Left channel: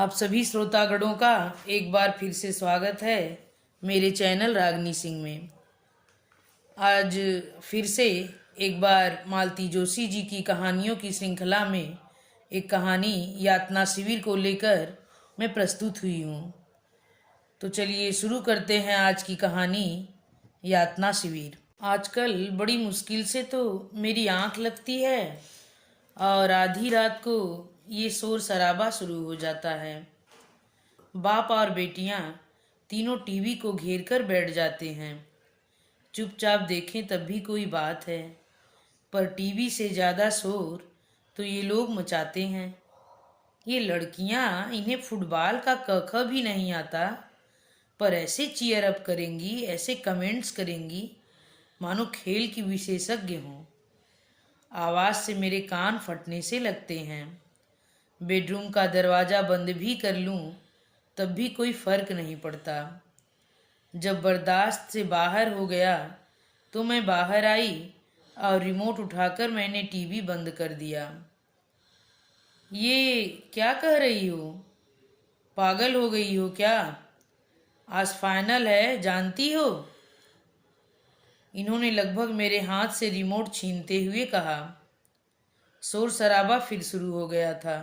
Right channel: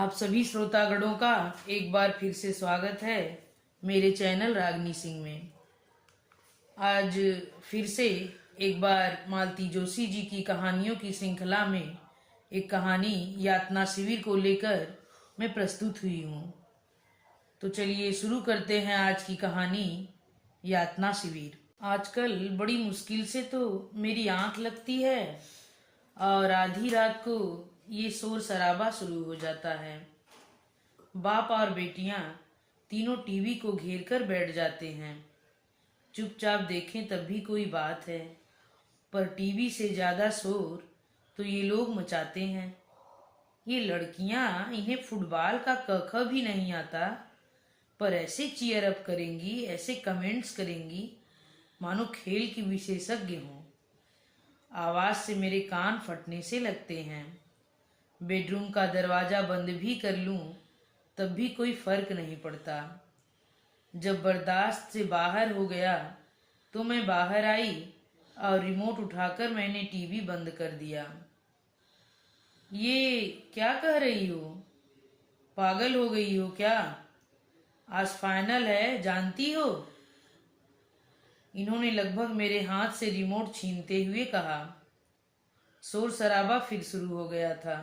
आप सभी श्रोतागणों का एक बार फिर से स्वागत है मेरे चैनल रागनी सिंह में। आज फिर से एक बार मालती जोशी जी की कहानियों की श्रृंखला में एक कहानी यातना शिविर को लेकर मैं प्रस्तुत हुई हूँ। तो चलिए शुरू करते हैं आज की कहानी यातना शिविर। आजकल बड़ी मुश्किल से तो मेरी आंख लगती है और आधी रात को ये शोर शराबा शुरू हो जाता है। बाप और बेटियां तीनों टीवी को घेर कर बैठ जाते हैं। चुपचाप देखें तब भी कोई बात है, पर टीवी से ज़्यादा शोर तो ये लोग मचाते हैं। ये लड़कियां, इन्हें फुटबॉल का क ख भी नहीं आता, पर ऐसे चीयर अप करेंगी, ऐसे कमेंट्स करेंगी मानो खेल की विशेषज्ञ हों। आवाज़ से मेरे कान फटने से लगते हैं। बेडरूम का दरवाज़ा बंद भी कर लूं तब भी कोई फर्क नहीं पड़ता। जब बर्दाश्त से बाहर हो गया तो मैं बाहर आई और रिमोट उठाकर मैंने टीवी बंद कर दिया। ये क्या कह रही हो? पागल हो गई हो क्या? आज फाइनल है, जानती हो? इन्होंने लगभग मेरे हाथ से रिमोट छीनते हुए कहा। शोर शराबा फिर शुरू हो गया था।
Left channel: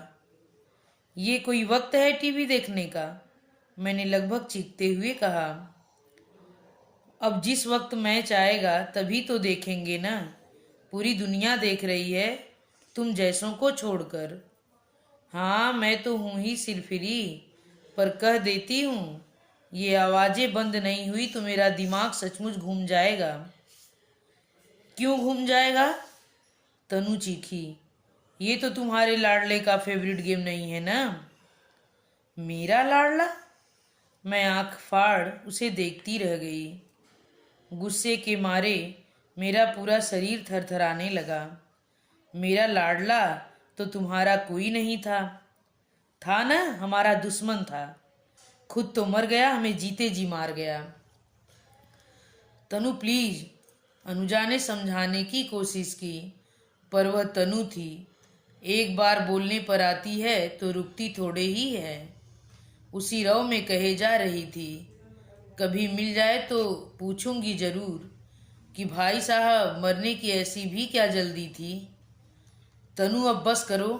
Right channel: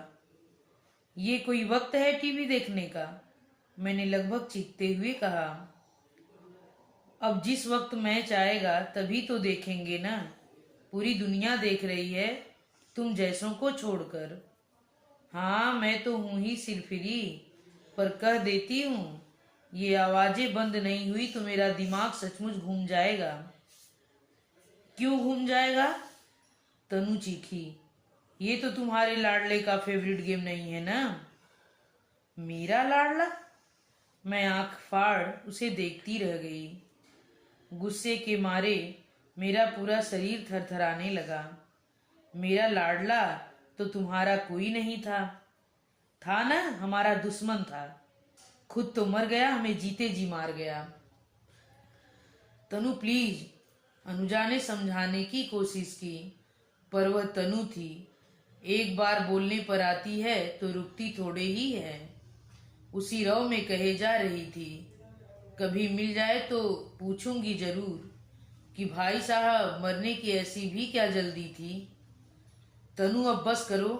ये कोई वक्त है टीवी देखने का? मैंने लगभग चीखते हुए कहा। अब जिस वक्त मैच आएगा तभी तो देखेंगे ना। पूरी दुनिया देख रही है, तुम जैसों को छोड़कर। हाँ, मैं तो हूं ही सिरफिरी, पर कह देती हूँ, ये आवाजें बंद नहीं हुई तो मेरा दिमाग सचमुच घूम जाएगा। क्यों घूम जाएगा? तनु चीखी। ये तो तुम्हारे लाडले का फेवरेट गेम नहीं है ना? मेरा लाडला? मैं आंख फाड़ उसे देखती रह गई। गुस्से के मारे मेरा पूरा शरीर थरथराने लगा। मेरा लाडला तो तुम्हारा कोई नहीं था। था ना, हमारा दुश्मन था। खुद तो मर गया, हमें जीते जी मार गया। तनु प्लीज, अनुजा ने समझाने की कोशिश की, पर वह तनु थी। एक बार बोलने पर आती है तो रुकती थोड़े ही है। उसी रव में कहे जा रही थी, कभी मिल जाए तो पूछूंगी जरूर कि भाई साहब मरने की ऐसी भी क्या जल्दी थी। तनु अब बस करो।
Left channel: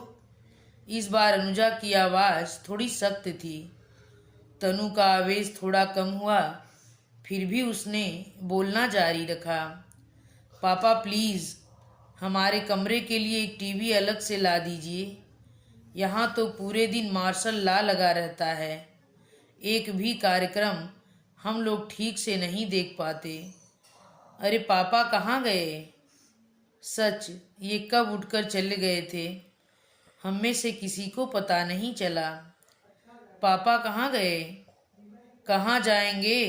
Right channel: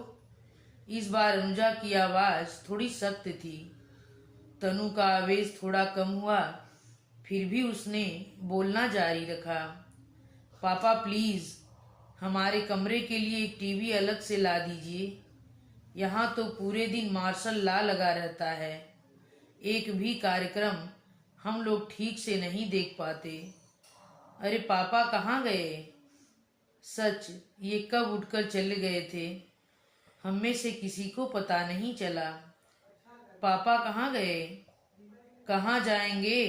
इस बार अनुजा की आवाज थोड़ी सख्त थी। तनु का आवेश थोड़ा कम हुआ, फिर भी उसने बोलना जारी रखा। पापा प्लीज, हमारे कमरे के लिए एक टीवी अलग से ला दीजिए। यहाँ तो पूरे दिन मार्शल लॉ लगा रहता है। एक भी कार्यक्रम हम लोग ठीक से नहीं देख पाते। अरे पापा कहाँ गए? सच, ये कब उठकर चले गए थे? हम में से किसी को पता नहीं चला। पापा कहाँ गए? कहाँ जाएंगे?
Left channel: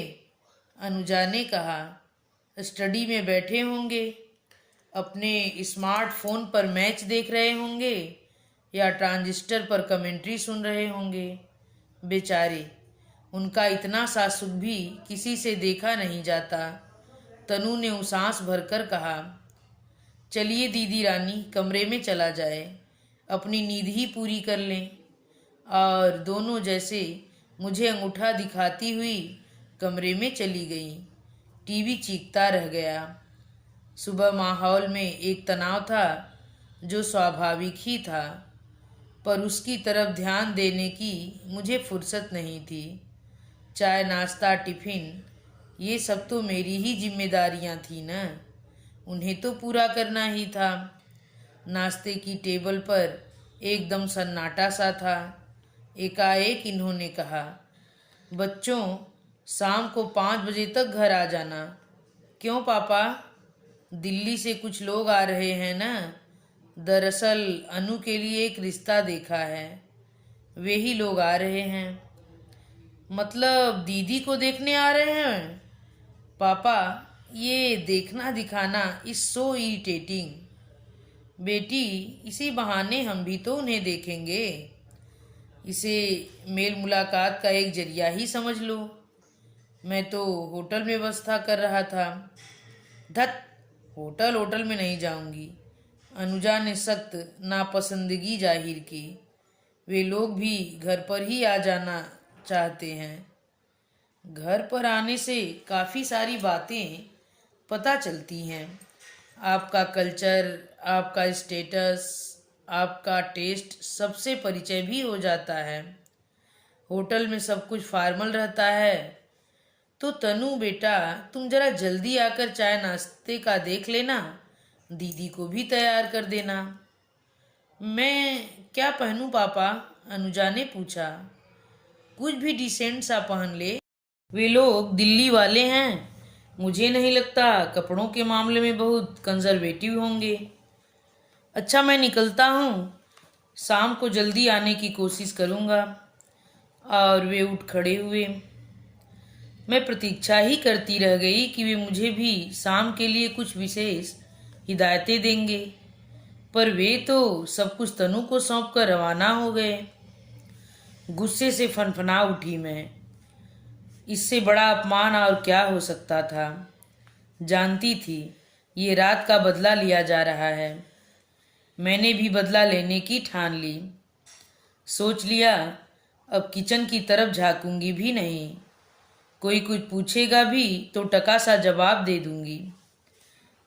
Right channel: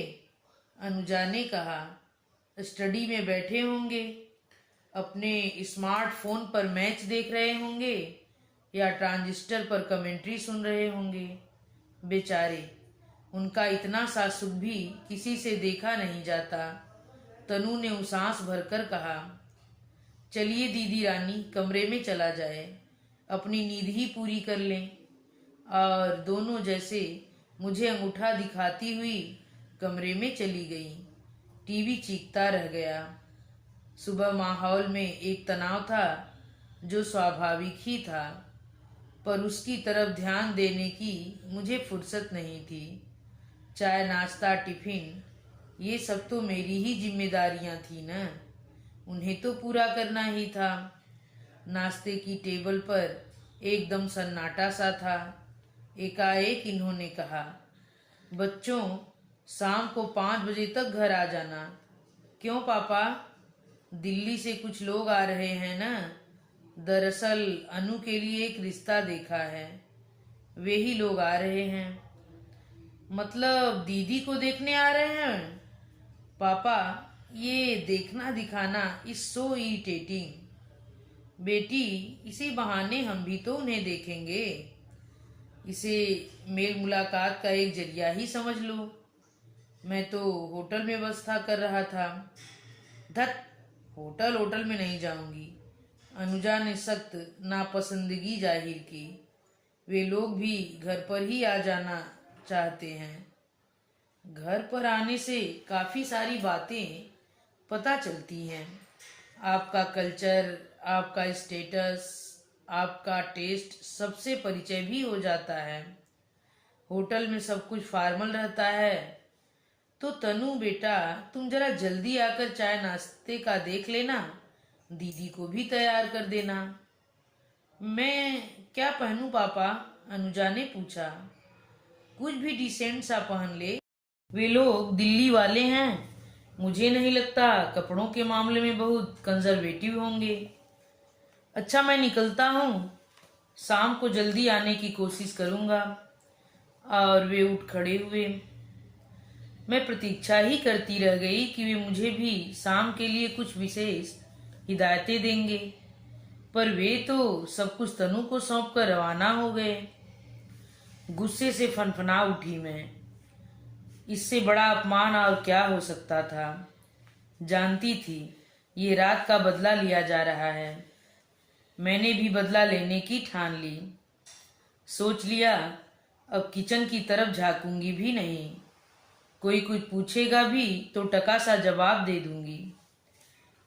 अनुजा ने कहा। स्टडी में बैठे होंगे, अपने स्मार्टफोन पर मैच देख रहे होंगे या ट्रांजिस्टर पर कमेंट्री सुन रहे होंगे। बेचारे, उनका इतना सा सुख भी किसी से देखा नहीं जाता। तनु ने उसास भरकर कहा। चलिए दीदी रानी, कमरे में चला जाए, अपनी नींद ही पूरी कर लें। और दोनों जैसे मुझे अंगूठा दिखाती हुई कमरे में चली गई। टीवी चीखता रह गया। सुबह माहौल में एक तनाव था जो स्वाभाविक ही था, पर उसकी तरफ ध्यान देने की मुझे फुर्सत नहीं थी। चाय, नाश्ता, टिफिन, ये सब तो मेरी ही जिम्मेदारियां थी ना, उन्हें तो पूरा करना ही था। नाश्ते की टेबल पर एकदम सन्नाटा सा था। एकाएक इन्होंने कहा, बच्चों शाम को 5 बजे तक घर आ जाना। क्यों पापा? दिल्ली से कुछ लोग आ रहे हैं ना। दरअसल अनु के लिए एक रिश्ता देखा है, वे ही लोग आ रहे हैं। मतलब दीदी को देखने आ रहे हैं? पापा, ये देखना दिखाना इज सो इरिटेटिंग। बेटी, इसी बहाने हम भी तो उन्हें देखेंगे। इसे मेल मुलाकात का एक जरिया ही समझ लो। मैं तो होटल में व्यवस्था कर रहा था। धत, होटल में नहीं जाऊंगी। अनुजा ने सख्त नापसंदगी जाहिर की। वे लोग भी घर पर ही आ जाना चाहते हैं। घर पर आने से काफ़ी सारी बातें पता चलती हैं। आपका कल्चर, आपका स्टेटस, आपका टेस्ट सबसे परिचय भी हो जाता है। होटल में सब कुछ फॉर्मल रहता है। तो तनु बेटा, तुम जरा जल्दी आकर चाय नाश्ते का देख लेना, दीदी को भी तैयार कर देना। मैं क्या पहनूं पापा? अनुजा ने पूछा। कुछ भी डिसेंट सा पहन ले। वे लोग दिल्ली वाले हैं, मुझे नहीं लगता कपड़ों के मामले में बहुत कंजर्वेटिव होंगे। अच्छा, मैं निकलता हूँ, शाम को जल्दी आने की कोशिश करूँगा। और वे उठ खड़े हुए। मैं प्रतीक्षा ही करती रह गई कि वे मुझे भी शाम के लिए कुछ विशेष हिदायतें देंगे, पर वे तो सब कुछ तनु को सौंप कर रवाना हो गए। गुस्से से फनफना उठी मैं। इससे बड़ा अपमान और क्या हो सकता था। जानती थी ये रात का बदला लिया जा रहा है। मैंने भी बदला लेने की ठान ली। सोच लिया अब किचन की तरफ झांकूंगी भी नहीं। कोई कुछ पूछेगा भी तो टका सा जवाब दे दूंगी।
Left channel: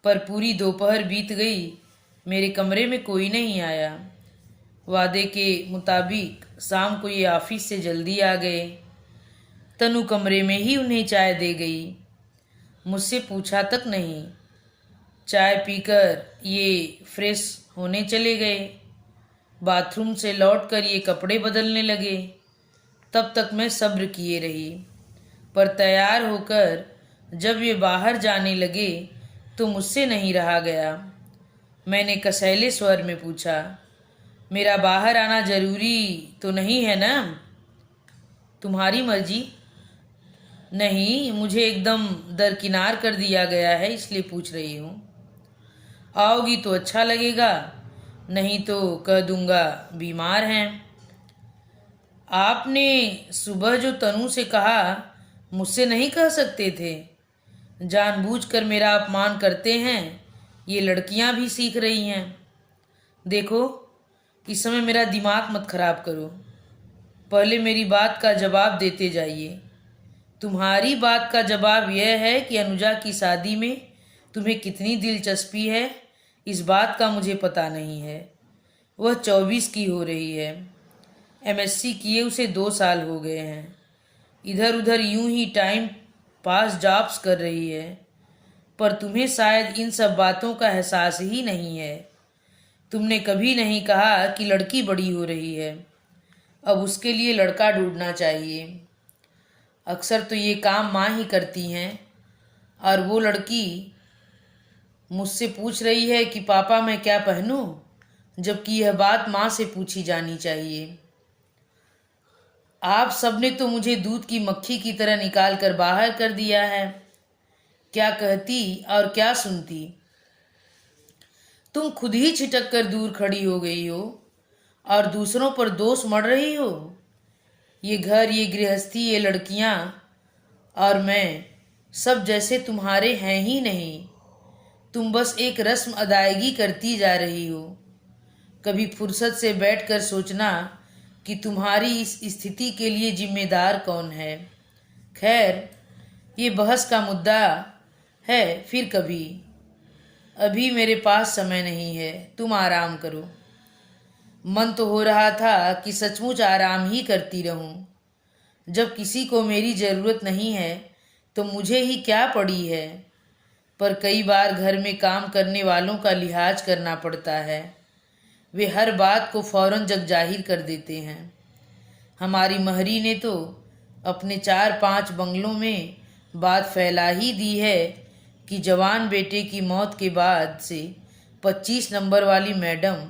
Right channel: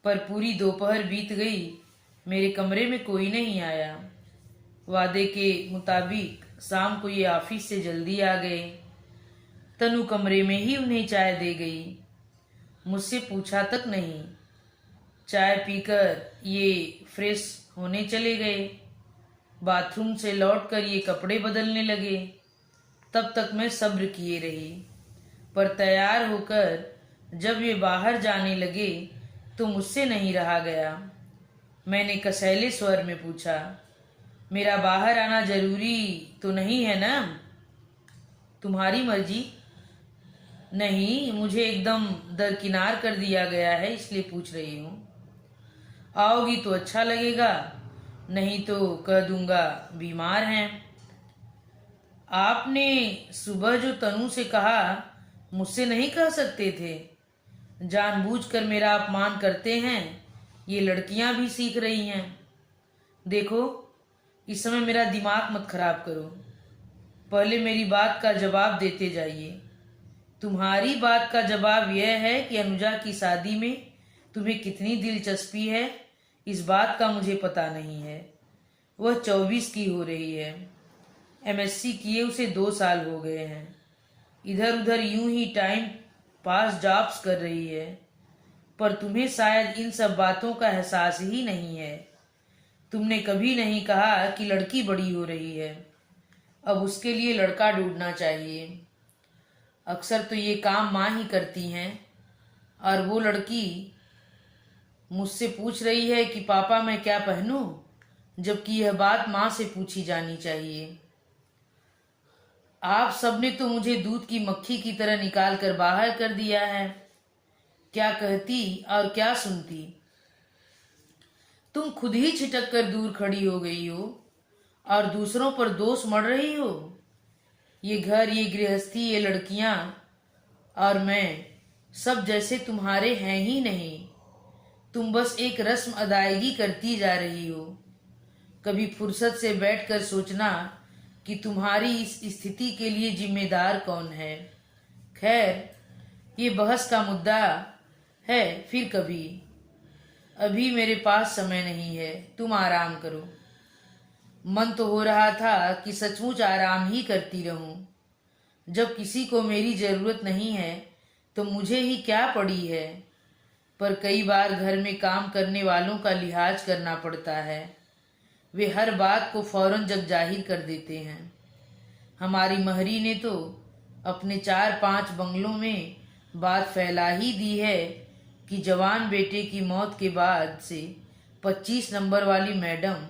पर पूरी दोपहर बीत गई, मेरे कमरे में कोई नहीं आया। वादे के मुताबिक शाम को ये ऑफिस से जल्दी आ गए। तनु कमरे में ही उन्हें चाय दे गई, मुझसे पूछा तक नहीं। चाय पीकर ये फ्रेश होने चले गए। बाथरूम से लौटकर ये कपड़े बदलने लगे। तब तक मैं सब्र किए रही, पर तैयार होकर जब ये बाहर जाने लगे तो मुझसे नहीं रहा गया। मैंने कसैले स्वर में पूछा, मेरा बाहर आना जरूरी तो नहीं है ना? तुम्हारी मर्जी। नहीं, मुझे एकदम दरकिनार कर दिया गया है, इसलिए पूछ रही हूँ। आओगी तो अच्छा लगेगा, नहीं तो कह दूंगा बीमार हैं। आपने सुबह जो तनु से कहा मुझसे नहीं कह सकते थे। जानबूझकर मेरा अपमान करते हैं, ये लड़कियां भी सीख रही हैं। देखो, इस समय मेरा दिमाग मत खराब करो। पहले मेरी बात का जवाब देते जाइए। तुम्हारी बात का जवाब यह है कि अनुजा की शादी में तुम्हें कितनी दिलचस्पी है, इस बात का मुझे पता नहीं है। वह 24 की हो रही है। MSc किए उसे 2 साल हो गए हैं। इधर उधर यूं ही टाइम पास जॉब्स कर रही है। पर तुम्हें शायद इन सब बातों का एहसास ही नहीं है। तुमने कभी नहीं कहा कि लड़की बड़ी हो रही है, अब उसके लिए लड़का ढूंढना चाहिए। अक्सर तो ये काम माँ ही करती हैं, और वो लड़की मुझसे पूछ रही है कि पापा मैं क्या पहनूं, जबकि यह बात माँ से पूछी जानी चाहिए। आप सबने तो मुझे दूध की मक्खी की तरह निकाल कर बाहर कर दिया है। क्या कहती और क्या सुनती। तुम खुद ही छिटक कर दूर खड़ी हो गई हो और दूसरों पर दोष मढ़ रही हो। ये घर, ये गृहस्थी, ये लड़कियां और मैं सब जैसे तुम्हारे हैं ही नहीं। तुम बस एक रस्म अदायगी करती जा रही हो। कभी फुर्सत से बैठकर सोचना कि तुम्हारी इस स्थिति के लिए जिम्मेदार कौन है। खैर, ये बहस का मुद्दा है फिर कभी। अभी मेरे पास समय नहीं है, तुम आराम करो। मन तो हो रहा था कि सचमुच आराम ही करती रहूं। जब किसी को मेरी जरूरत नहीं है तो मुझे ही क्या पड़ी है। पर कई बार घर में काम करने वालों का लिहाज करना पड़ता है। वे हर बात को फौरन जग जाहिर कर देते हैं। हमारी महरी ने तो अपने 4-5 बंगलों में बात फैला ही दी है कि जवान बेटे की मौत के बाद से 25 नंबर वाली मैडम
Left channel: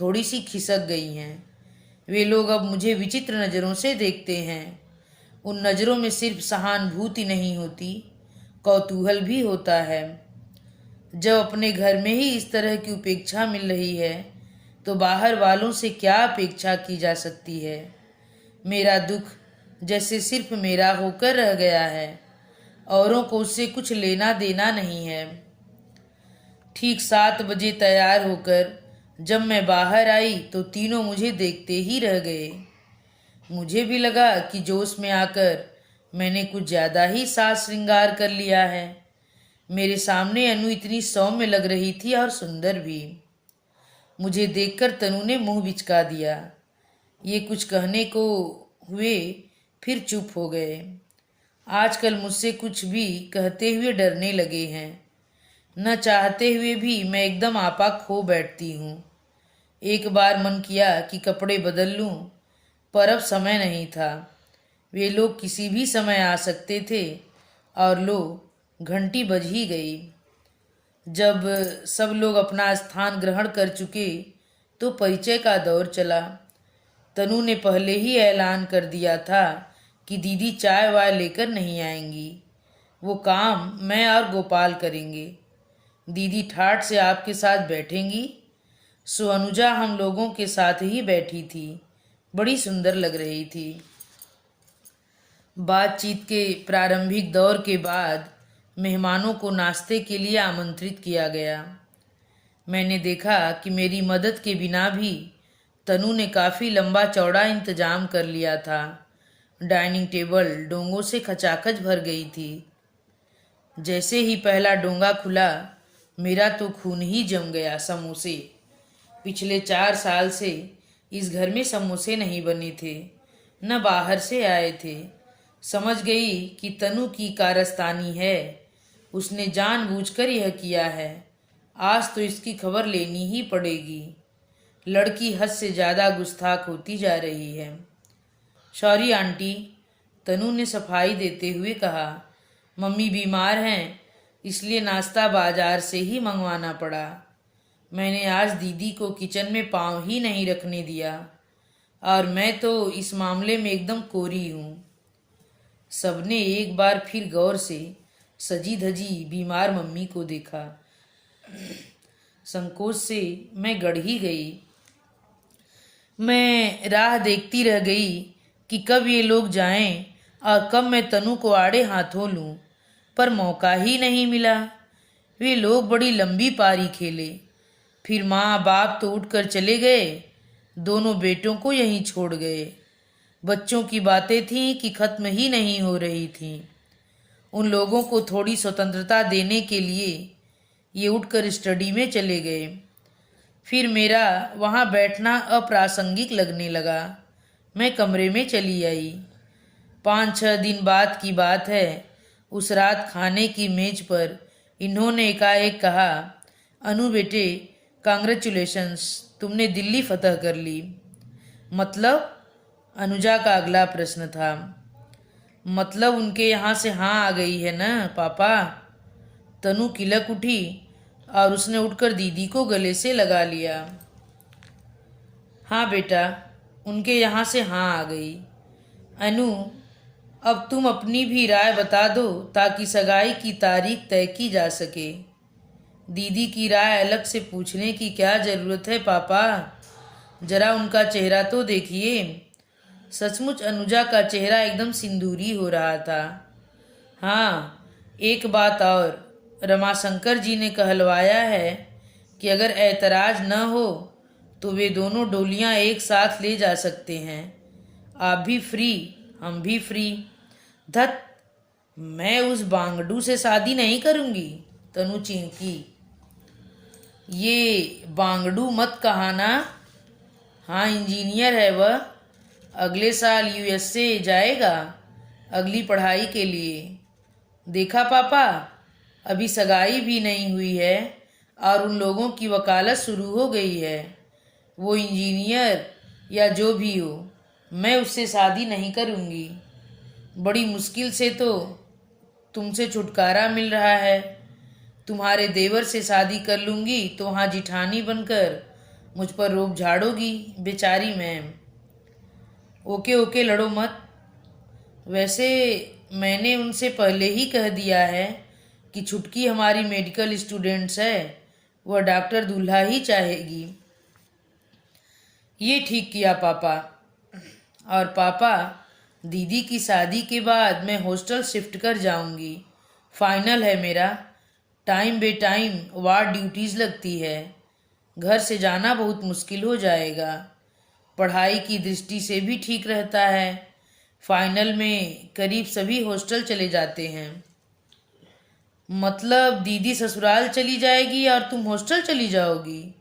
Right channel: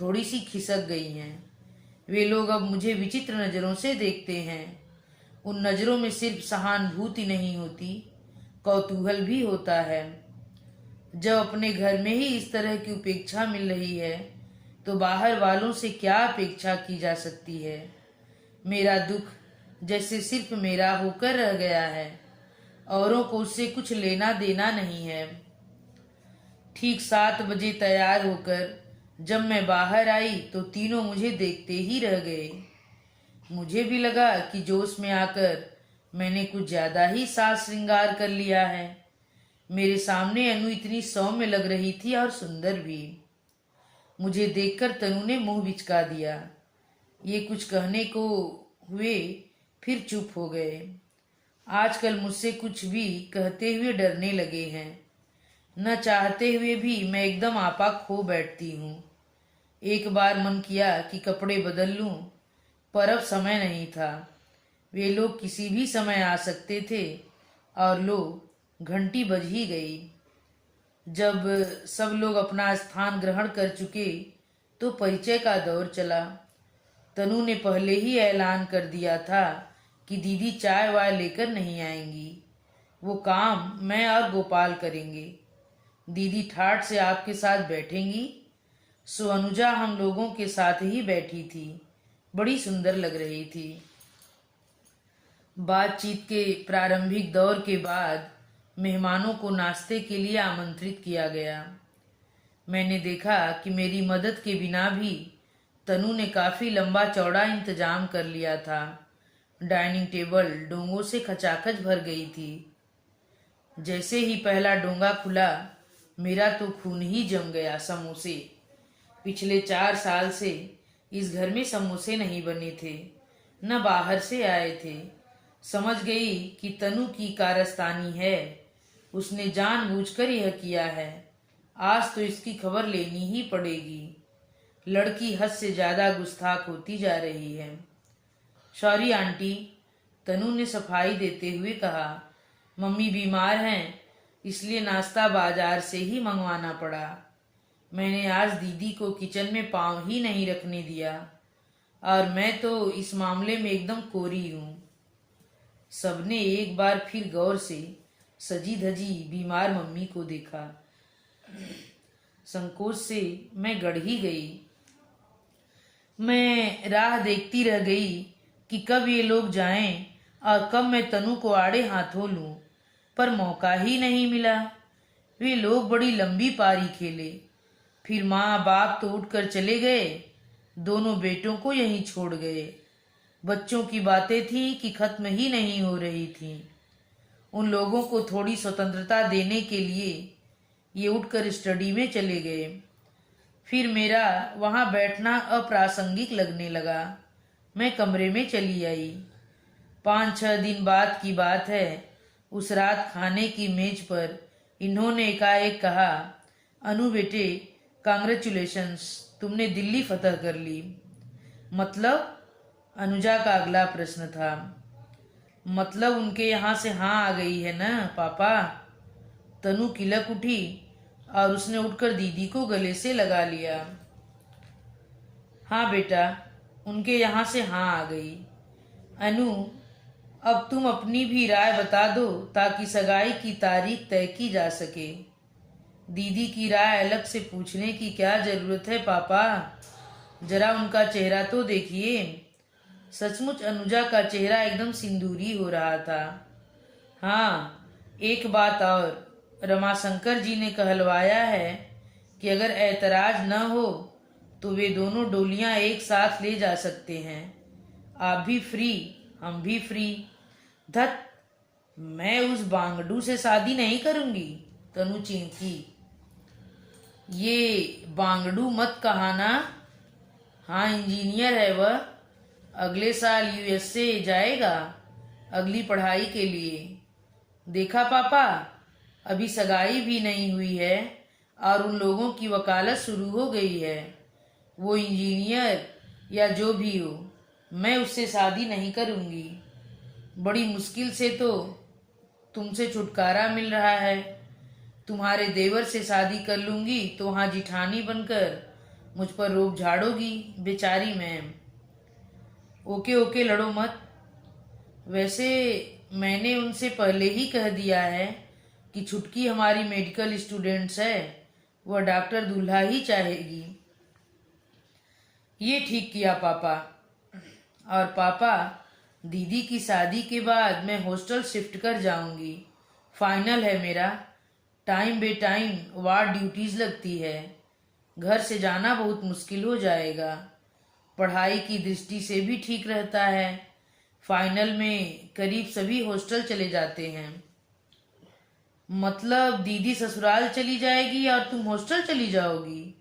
थोड़ी सी खिसक गई हैं। वे लोग अब मुझे विचित्र नज़रों से देखते हैं। उन नज़रों में सिर्फ सहानुभूति नहीं होती, कौतूहल भी होता है। जब अपने घर में ही इस तरह की उपेक्षा मिल रही है तो बाहर वालों से क्या अपेक्षा की जा सकती है। मेरा दुख जैसे सिर्फ मेरा होकर रह गया है, औरों को उससे कुछ लेना देना नहीं है। ठीक 7 बजे तैयार होकर जब मैं बाहर आई तो तीनों मुझे देखते ही रह गए। मुझे भी लगा कि जोश में आकर मैंने कुछ ज्यादा ही साज श्रृंगार कर लिया है। मेरे सामने अनु इतनी सौम्य लग रही थी और सुंदर भी। मुझे देखकर तनु ने मुंह बिचका दिया। ये कुछ कहने को हुए, फिर चुप हो गए। आजकल मुझसे कुछ भी कहते हुए डरने लगे हैं। न चाहते हुए भी मैं एकदम आपा खो बैठती हूँ। एक बार मन किया कि कपड़े बदल लूं, पर अब समय नहीं था। वे लोग किसी भी समय आ सकते थे और लो, घंटी बज ही गई। जब सब लोग अपना स्थान ग्रहण कर चुके तो परिचय का दौर चला। तनु ने पहले ही ऐलान कर दिया था कि दीदी चाय वाय लेकर नहीं आएंगी, वो काम मैं और गोपाल करेंगे। दीदी ठाठ से आपके साथ बैठेंगी। सो अनुजा हम लोगों के साथ ही बैठी थी, बड़ी सुंदर लग रही थी। बातचीत के प्रारंभिक दौर के बाद मेहमानों को नाश्ते के लिए आमंत्रित किया गया। मैंने देखा कि मेरी मदद के बिना भी तनु ने काफी लंबा चौड़ा इंतजाम कर लिया था। डाइनिंग टेबल डोंगों से खचाखच भर गई थी। जैसे ही पहला डोंगा खुला, मेरा तो खून ही जम गया। समोसे, पिछले 4 साल से इस घर में समोसे नहीं बने थे, न बाहर से आए थे। समझ गई कि तनु की कारस्तानी है, उसने जानबूझकर यह किया है। आज तो इसकी खबर लेनी ही पड़ेगी। लड़की हद से ज्यादा गुस्ताख होती जा रही है। सॉरी आंटी, तनु ने सफाई देते हुए कहा। मम्मी बीमार हैं, इसलिए नाश्ता बाजार से ही मंगवाना पड़ा। मैंने आज दीदी को किचन में पाँव ही नहीं रखने दिया, और मैं तो इस मामले में एकदम कोरी हूँ। सबने एक बार फिर गौर से सजी धजी बीमार मम्मी को देखा। संकोच से मैं गड़ ही गई। मैं राह देखती रह गई कि कब ये लोग जाएं और कब मैं तनु को आड़े हाथों लूं, पर मौका ही नहीं मिला। वे लोग बड़ी लंबी पारी खेले, फिर माँ बाप तो उठकर चले गए, दोनों बेटों को यहीं छोड़ गए। बच्चों की बातें थीं कि खत्म ही नहीं हो रही थीं। उन लोगों को थोड़ी स्वतंत्रता देने के लिए ये उठकर स्टडी में चले गए। फिर मेरा वहाँ बैठना अप्रासंगिक लगने लगा। मैं कमरे में चली आई। 5-6 दिन बाद की बात है। उस रात खाने की मेज पर इन्होंने एकाएक कहा, अनु बेटे, कांग्रेचुलेशंस, तुमने दिल्ली फतह कर ली। मतलब? अनुजा का अगला प्रश्न था। मतलब उनके यहाँ से हाँ आ गई है ना पापा? तनु किलक उठी और उसने उठकर दीदी को गले से लगा लिया। हाँ बेटा, उनके यहाँ से हाँ आ गई। अनु, अब तुम अपनी भी राय बता दो ताकि सगाई की तारीख तय की जा सके। दीदी की राय अलग से पूछने की क्या जरूरत है पापा? जरा उनका चेहरा तो देखिए। सचमुच अनुजा का चेहरा एकदम सिंदूरी हो रहा था। हाँ, एक बात और, रमाशंकर जी ने कहलवाया है कि अगर ऐतराज न हो तो वे दोनों डोलियां एक साथ ले जा सकते हैं। आप भी फ्री, हम भी फ्री। धत, मैं उस बांगडू से शादी नहीं करूंगी, तनु चींकी। ये बांगडू मत कहाना। हाँ, इंजीनियर है वह, अगले साल यूएसए जाएगा अगली पढ़ाई के लिए। देखा पापा, अभी सगाई भी नहीं हुई है और उन लोगों की वकालत शुरू हो गई है। वो इंजीनियर या जो भी हो, मैं उससे शादी नहीं करूँगी। बड़ी मुश्किल से तो तुमसे छुटकारा मिल रहा है। तुम्हारे देवर से शादी कर लूँगी तो वहाँ जिठानी बनकर मुझ पर रोब झाड़ोगी बेचारी मैम। ओके ओके, लड़ो मत। वैसे मैंने उनसे पहले ही कह दिया है कि छुटकी हमारी मेडिकल स्टूडेंट्स है, वह डॉक्टर दूल्हा ही चाहेगी। ये ठीक किया पापा। और पापा, दीदी की शादी के बाद मैं हॉस्टल शिफ्ट कर जाऊंगी, फाइनल है मेरा। टाइम बे टाइम वार्ड ड्यूटीज लगती है। घर से जाना बहुत मुश्किल हो जाएगा। पढ़ाई की दृष्टि से भी ठीक रहता है। फाइनल में करीब सभी हॉस्टल चले जाते हैं। मतलब दीदी ससुराल चली जाएगी और तुम हॉस्टल चली जाओगी?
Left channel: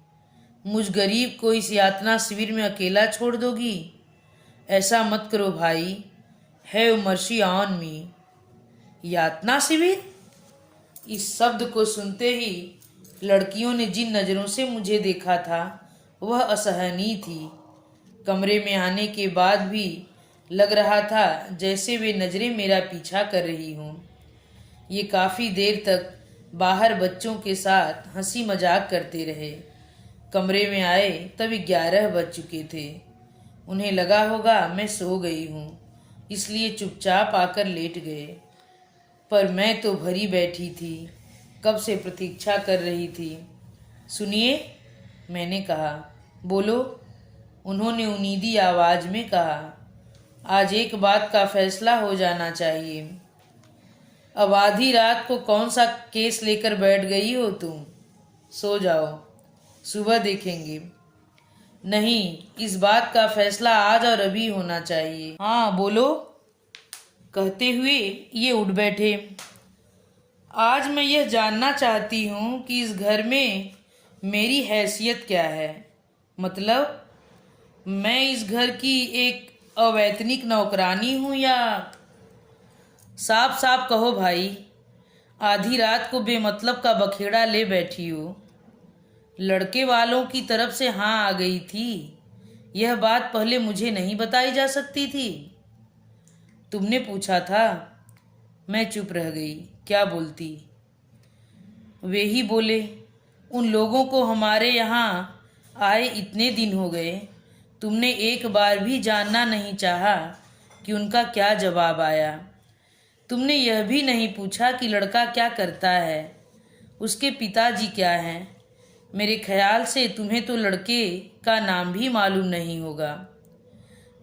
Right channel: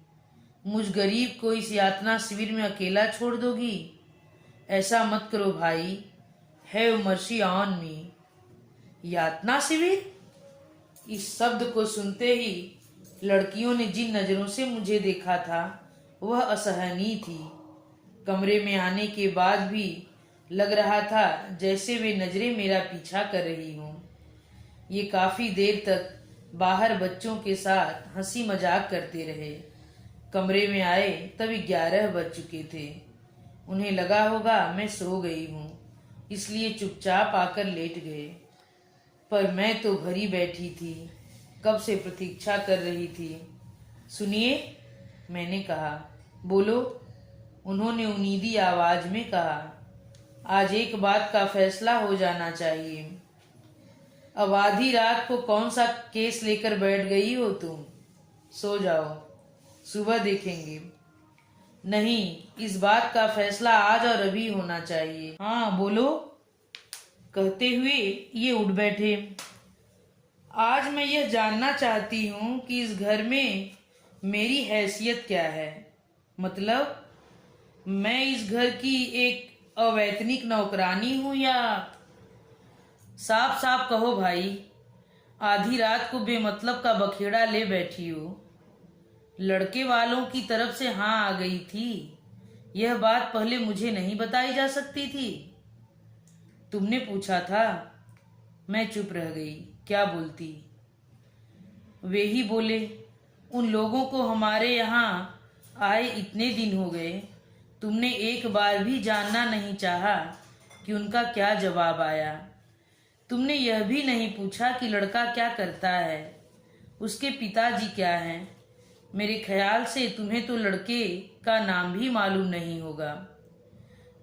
मुझ गरीब को इस यातना शिविर में अकेला छोड़ दोगी? ऐसा मत करो भाई। Have mercy on me. यातना शिविर? इस शब्द को सुनते ही लड़कियों ने जिन नज़रों से मुझे देखा था वह असहनीय थी। कमरे में आने के बाद भी लग रहा था जैसे वे नज़रें मेरा पीछा कर रही हों। ये काफ़ी देर तक बाहर बच्चों के साथ हंसी मजाक करते रहे। कमरे में आए तब 11 बज चुके थे। उन्हें लगा होगा मैं सो गई हूँ, इसलिए चुपचाप आकर लेट गए। पर मैं तो भरी बैठी थी, कब से प्रतीक्षा कर रही थी। सुनिए, मैंने कहा। बोलो, उन्होंने उनीदी आवाज में कहा। आज एक बात का फैसला हो जाना चाहिए। अब आधी रात को कौन सा केस लेकर बैठ गई हो तुम? सो जाओ, सुबह देखेंगे। नहीं, इस बात का फैसला आज और अभी होना चाहिए। हाँ बोलो, कहते हुए ये उठ बैठे। आज मैं यह जानना चाहती हूँ कि इस घर में मेरी हैसियत क्या है। मतलब मैं इस घर की एक अवैतनिक नौकरानी हूँ या... साफ साफ कहो भाई। आधी रात को बेमतलब का बखेड़ा ले बैठी हो। लड़के वालों की तरफ से हाँ आ गई थी। यह बात पहले मुझे नहीं बताई जा सकती थी? तुमने पूछा था। मैं चुप रह गई। क्या बोलती? वे ही बोले, उन लोगों को हमारे यहाँ आए इतने दिन हो गए, तुमने एक बार भी जानना नहीं चाहा कि उनका क्या जवाब आया। तुमने यह भी नहीं पूछा कि लड़का क्या करता है, उसके पिताजी क्या हैं। मेरे ख्याल से तुम्हें तो लड़के का नाम भी मालूम नहीं होगा।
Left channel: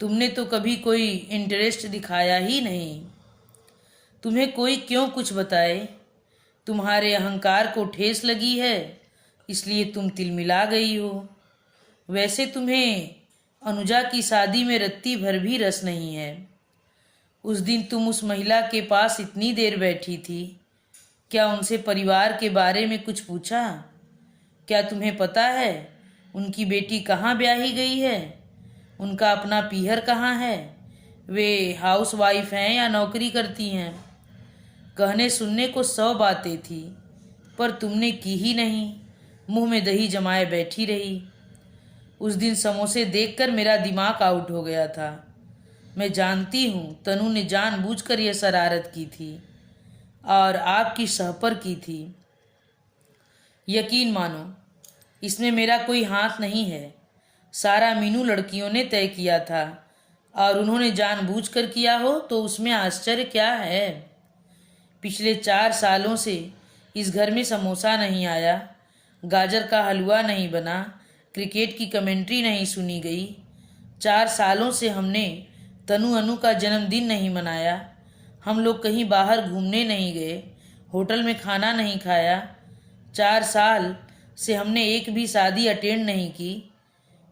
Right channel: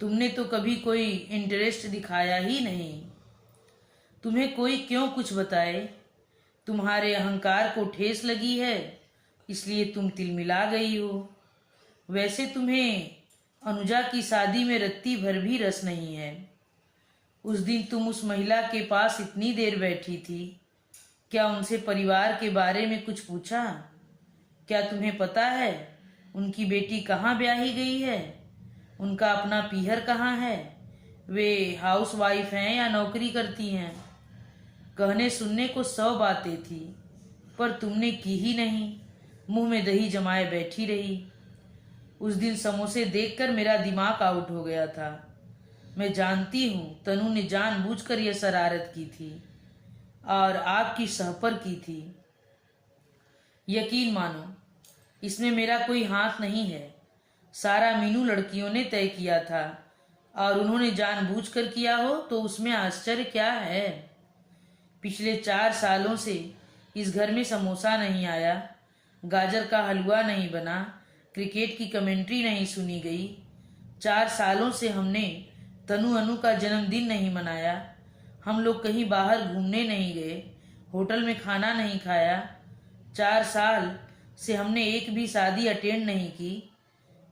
तुमने तो कभी कोई इंटरेस्ट दिखाया ही नहीं। तुम्हें कोई क्यों कुछ बताए? तुम्हारे अहंकार को ठेस लगी है, इसलिए तुम तिलमिला गई हो। वैसे तुम्हें अनुजा की शादी में रत्ती भर भी रस नहीं है। उस दिन तुम उस महिला के पास इतनी देर बैठी थी, क्या उनसे परिवार के बारे में कुछ पूछा? क्या तुम्हें पता है उनकी बेटी कहाँ ब्याही गई है? उनका अपना पीहर कहाँ है? वे हाउस वाइफ हैं या नौकरी करती हैं? कहने सुनने को 100 बातें थी, पर तुमने की ही नहीं। मुंह में दही जमाए बैठी रही। उस दिन समोसे देखकर मेरा दिमाग आउट हो गया था। मैं जानती हूँ तनु ने जानबूझकर यह शरारत की थी और आपकी सहपर की थी। यकीन मानो, इसमें मेरा कोई हाथ नहीं है। सारा मीनू लड़कियों ने तय किया था, और उन्होंने जानबूझकर किया हो तो उसमें आश्चर्य क्या है। पिछले 4 सालों से इस घर में समोसा नहीं आया, गाजर का हलवा नहीं बना, क्रिकेट की कमेंट्री नहीं सुनी गई। 4 सालों से हमने तनु अनु का जन्मदिन नहीं मनाया। हम लोग कहीं बाहर घूमने नहीं गए, होटल में खाना नहीं खाया। 4 साल से हमने एक भी शादी अटेंड नहीं की।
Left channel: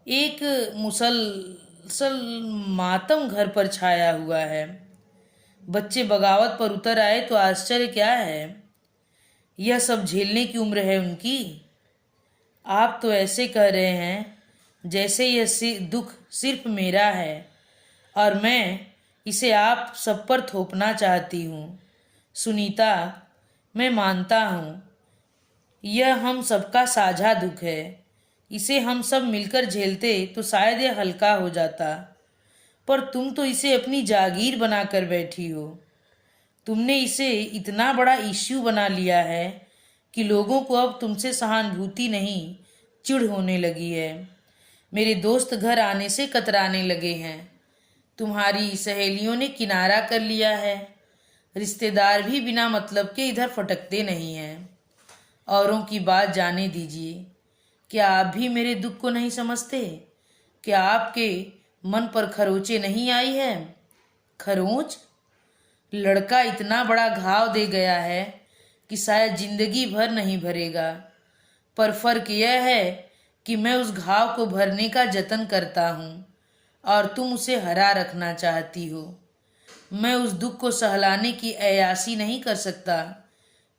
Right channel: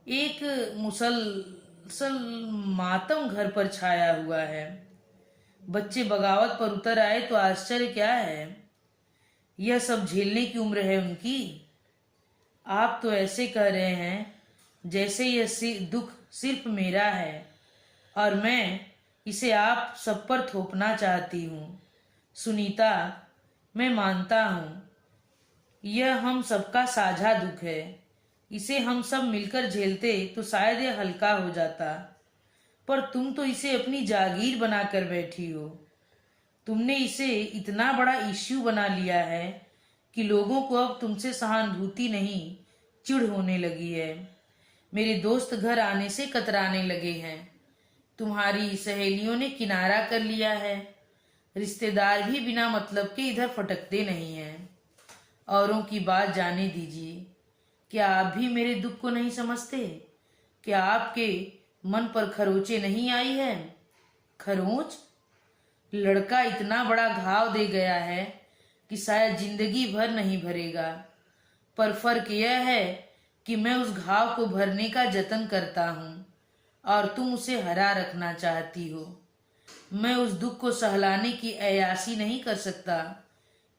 एक मुसलसल मातम घर पर छाया हुआ है। बच्चे बगावत पर उतर आए तो आश्चर्य क्या है? यह सब झेलने की उम्र है उनकी। आप तो ऐसे कह रहे हैं जैसे यह दुख सिर्फ मेरा है और मैं इसे आप सब पर थोपना चाहती हूँ। सुनीता, मैं मानता हूँ यह हम सबका साझा दुख है। इसे हम सब मिलकर झेलते तो शायद यह हल्का हो जाता, पर तुम तो इसे अपनी जागीर बनाकर बैठी हो। तुमने इसे इतना बड़ा इश्यू बना लिया है कि लोगों को अब तुमसे सहानुभूति नहीं, चिढ़ होने लगी है। मेरे दोस्त घर आने से कतराने लगे हैं। तुम्हारी सहेलियों ने किनारा कर लिया है। रिश्तेदार भी बिना मतलब के इधर फटकते नहीं हैं। औरों की बात जाने दीजिए। क्या आप भी मेरे दुख को नहीं समझते? क्या आपके मन पर खरोंचे नहीं आई है? खरोंच? लड़का इतना बड़ा घाव दे गया है कि शायद जिंदगी भर नहीं भरेगा। पर फर्क यह है कि मैं उस घाव को भरने का जतन करता हूँ और तुम उसे हरा रखना चाहती हो। मैं उस दुख को सहलाने की अय्यासी नहीं कर सकता,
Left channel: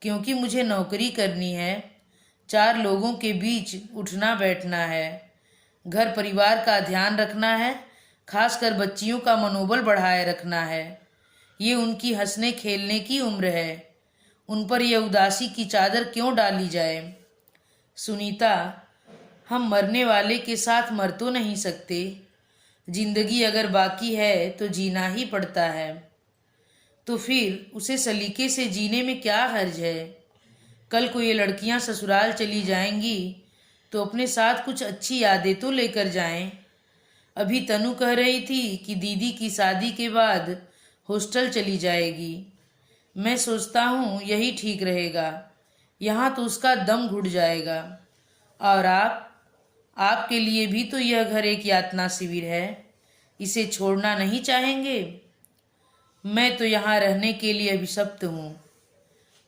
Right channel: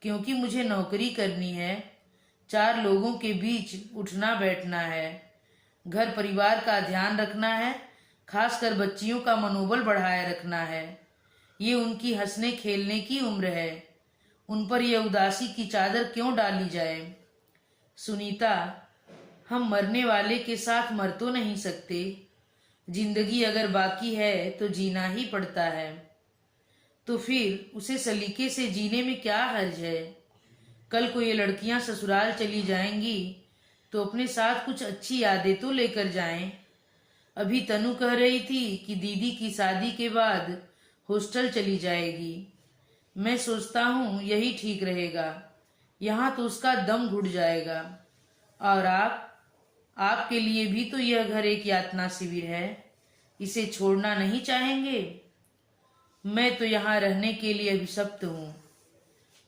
क्योंकि मुझे नौकरी करनी है, 4 लोगों के बीच उठना बैठना है, घर परिवार का ध्यान रखना है, खासकर बच्चियों का मनोबल बढ़ाए रखना है। ये उनकी हंसने खेलने की उम्र है, उन पर यह उदासी की चादर क्यों डाली जाए। सुनीता, हम मरने वाले के साथ मर तो नहीं सकते। जिंदगी अगर बाकी है तो जीना ही पड़ता है। तो फिर उसे सलीके से जीने में क्या हर्ज है। कल को ये लड़कियां ससुराल चली जाएंगी तो अपने साथ कुछ अच्छी यादें तो लेकर जाएं। अभी तनु कह रही थी कि दीदी की शादी के बाद हॉस्टल चली जाएगी। मैं सोचता हूँ यही ठीक रहेगा, यहाँ तो उसका दम घुट जाएगा। और आपके लिए भी तो यह घर एक यातना शिविर है, इसे छोड़ना नहीं चाहेंगे। मैं तो यहाँ रहने के लिए अभिशप्त हूँ।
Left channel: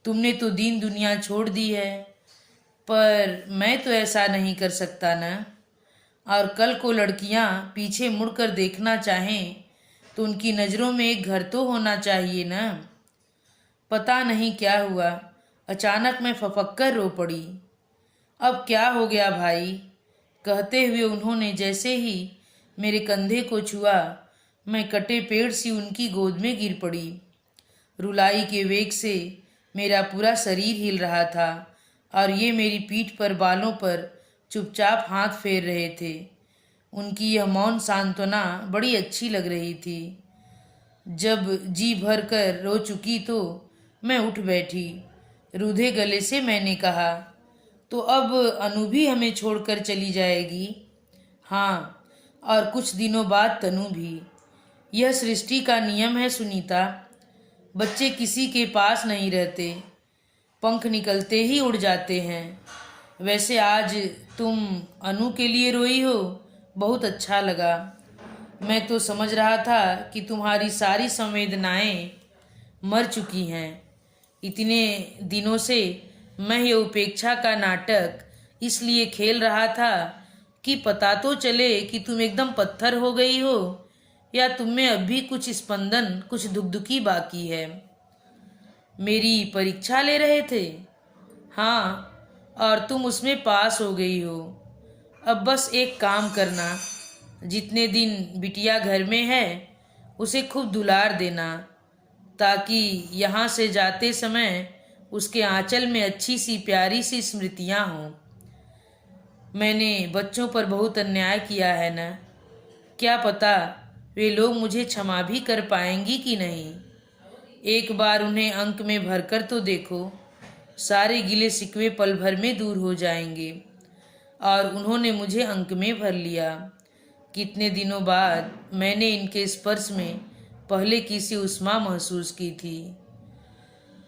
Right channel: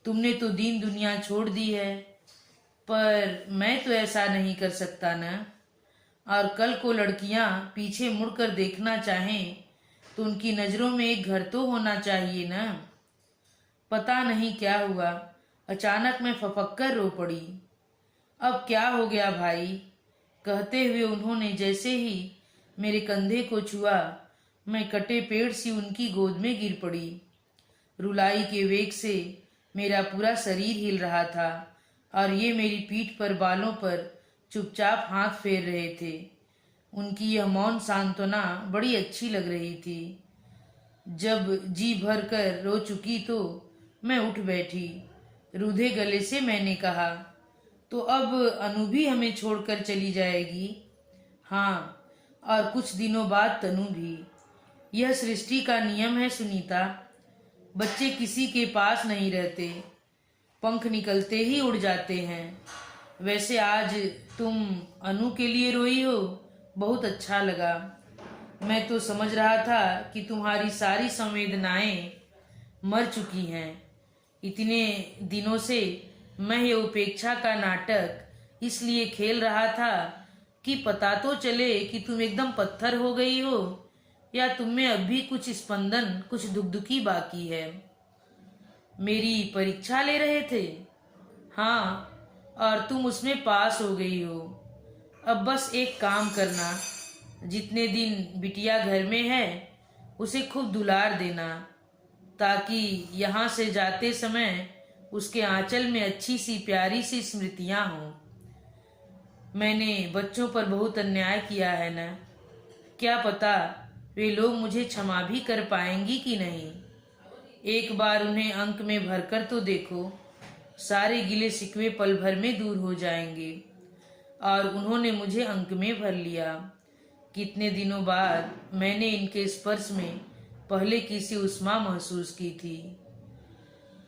तुमने तो दीन दुनिया छोड़ दी है, पर मैं तो ऐसा नहीं कर सकता न। और कल को लड़कियाँ पीछे मुड़कर देखना चाहें तो उनकी नज़रों में एक घर तो होना चाहिए न। पता नहीं क्या हुआ, अचानक मैं फपक्कर रो पड़ी। अब क्या हो गया भाई, कहते हुए उन्होंने जैसे ही मेरे कंधे को छुआ, मैं कटे पेड़ सी उनकी गोद में गिर पड़ी। रुलाई के वेग से मेरा पूरा शरीर हिल रहा था और ये मेरी पीठ पर बालों पर चुपचाप हाथ फेर रहे थे। उनकी यह मौन सांत्वना बड़ी अच्छी लग रही थी। जब जी भर कर रो चुकी तो मैं उठ बैठी। रूधे गले से मैंने कहा, तो अब अनु भी हमें छोड़कर चली जाएगी? हाँ, और कुछ दिनों बाद तनु भी। यह सृष्टि का नियम है सुनीता। बच्चे किसी के पास नहीं रहते, पंख निकलते ही उड़ जाते हैं। वैसे आज तुम अनु के लिए रोई हो, बहुत अच्छा लगा। मैं तो समझ रहा था कि तुम्हारी सारी संवेदनाएं मर चुकी हैं। इतने दिनों से मैं ये उपेक्षा का नाटक इसलिए खेल रहा था कि पता तो चले कि तुम एकदम पत्थर हो गई हो या तुम में अब भी कुछ स्पंदन, कुछ दुखदुखी बाकी है। मेरी परीक्षा ले रहे थे? हाँ, और तुम उसमें पास हो गई हो। अब बस एक काम करना, जितने दिन बिटिया घर में है उसे खूब दुलार देना, ताकि यहाँ से जाते समय उसके आंचल में अच्छी सी प्यारी सी स्मृतियाँ हों। मैंने बच्चों पर बहुत अन्याय किया है न, क्या पता वे लोग मुझे क्षमा भी कर पाएंगी कि नहीं। एक बार उन्हें अंक में भरकर तो देखो, सारे गिले शिकवे पल भर में दूर हो जाएंगे। और उन्होंने मुझे अंक में भर लिया। कितने दिनों बाद मैंने इनके स्पर्श में पहले की सी उष्मा महसूस की थी।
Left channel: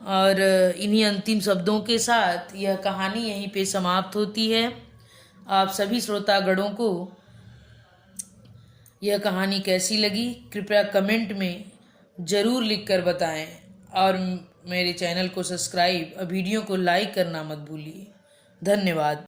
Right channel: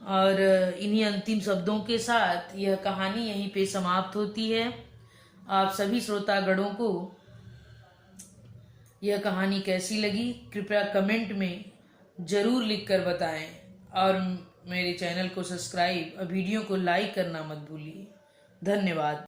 और इन्हीं अंतिम शब्दों के साथ यह कहानी यहीं पे समाप्त होती है। आप सभी श्रोतागणों को यह कहानी कैसी लगी कृपया कमेंट में ज़रूर लिखकर बताएं और मेरे चैनल को सब्सक्राइब और वीडियो को लाइक करना मत भूलिए। धन्यवाद।